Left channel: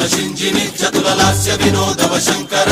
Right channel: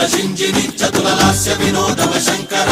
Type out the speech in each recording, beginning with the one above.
చతుల సింజిని చతుల లాస్య వినోదవ శంకర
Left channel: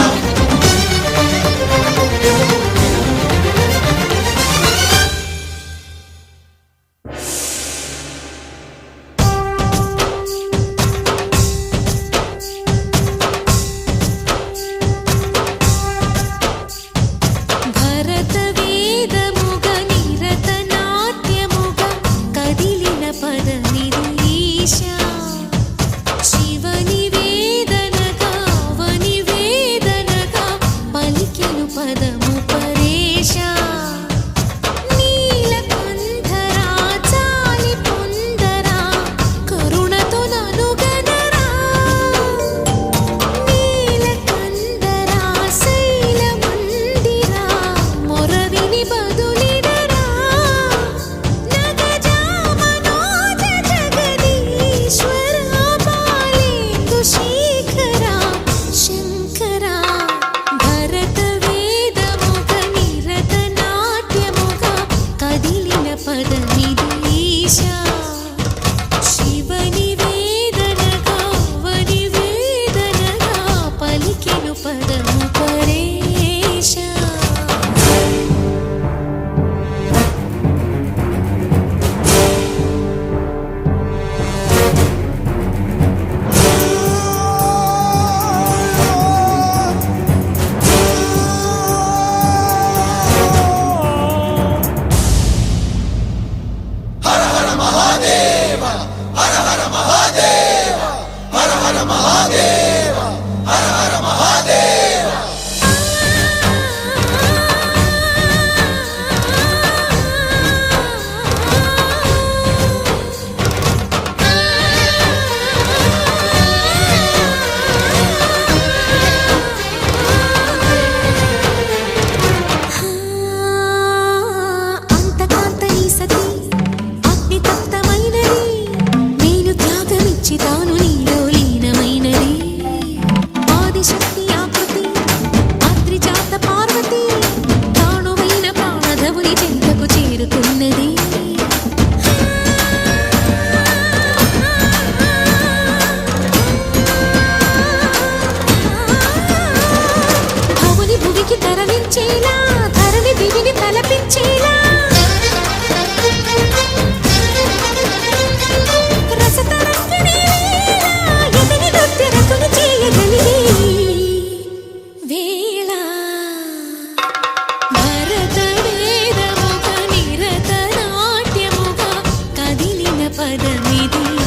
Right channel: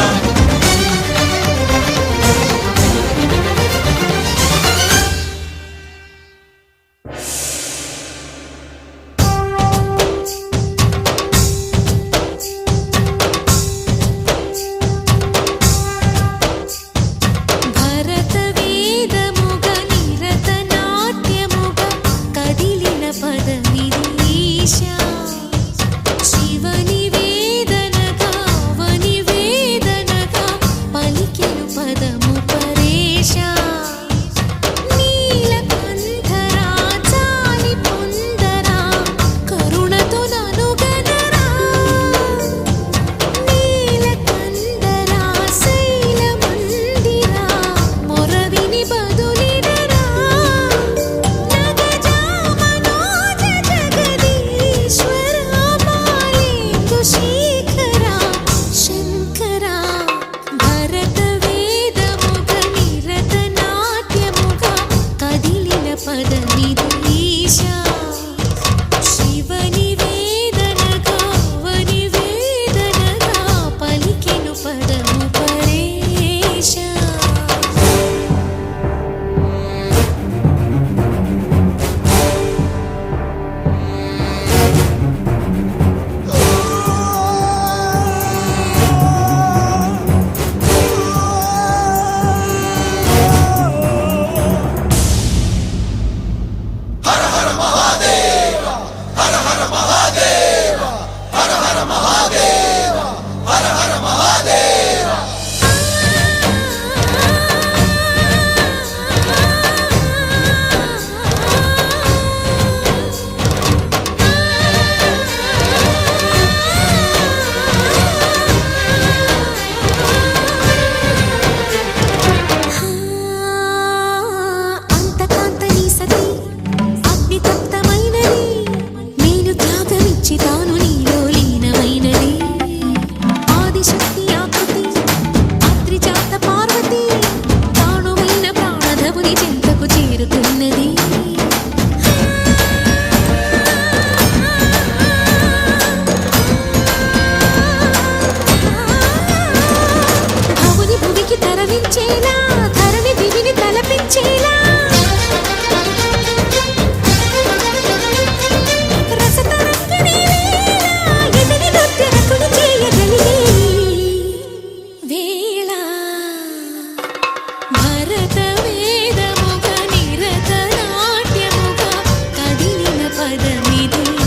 పదము పరేశా నీలకంఠరా చాలి పొందరా కరుణతో ననుగనరా నీలకంఠరా శైల మందిరా మొరవిని బదులిడరా నగజా మనోజ జగదీశ్వరా బాలేందు శేఖరా శంకరా భరత పదమిదీశా శివ నివేదనగా వనివేదనగా పలికెను పదము పరేశా తాను నీలో లీనమైనది ఆదిశక్తి ఆకృతి అద్రిజాత పార్వతి తానువైన ప్రాణధవుని చెంతకు చేరుకున్నది భవుని భువికి తరలించేలా ధరణి దివిని తలపించేలా చేయగలిగే వేళ భరత వేదముగా నిరత నాట్యముగా కదిలిన పదమిదీశా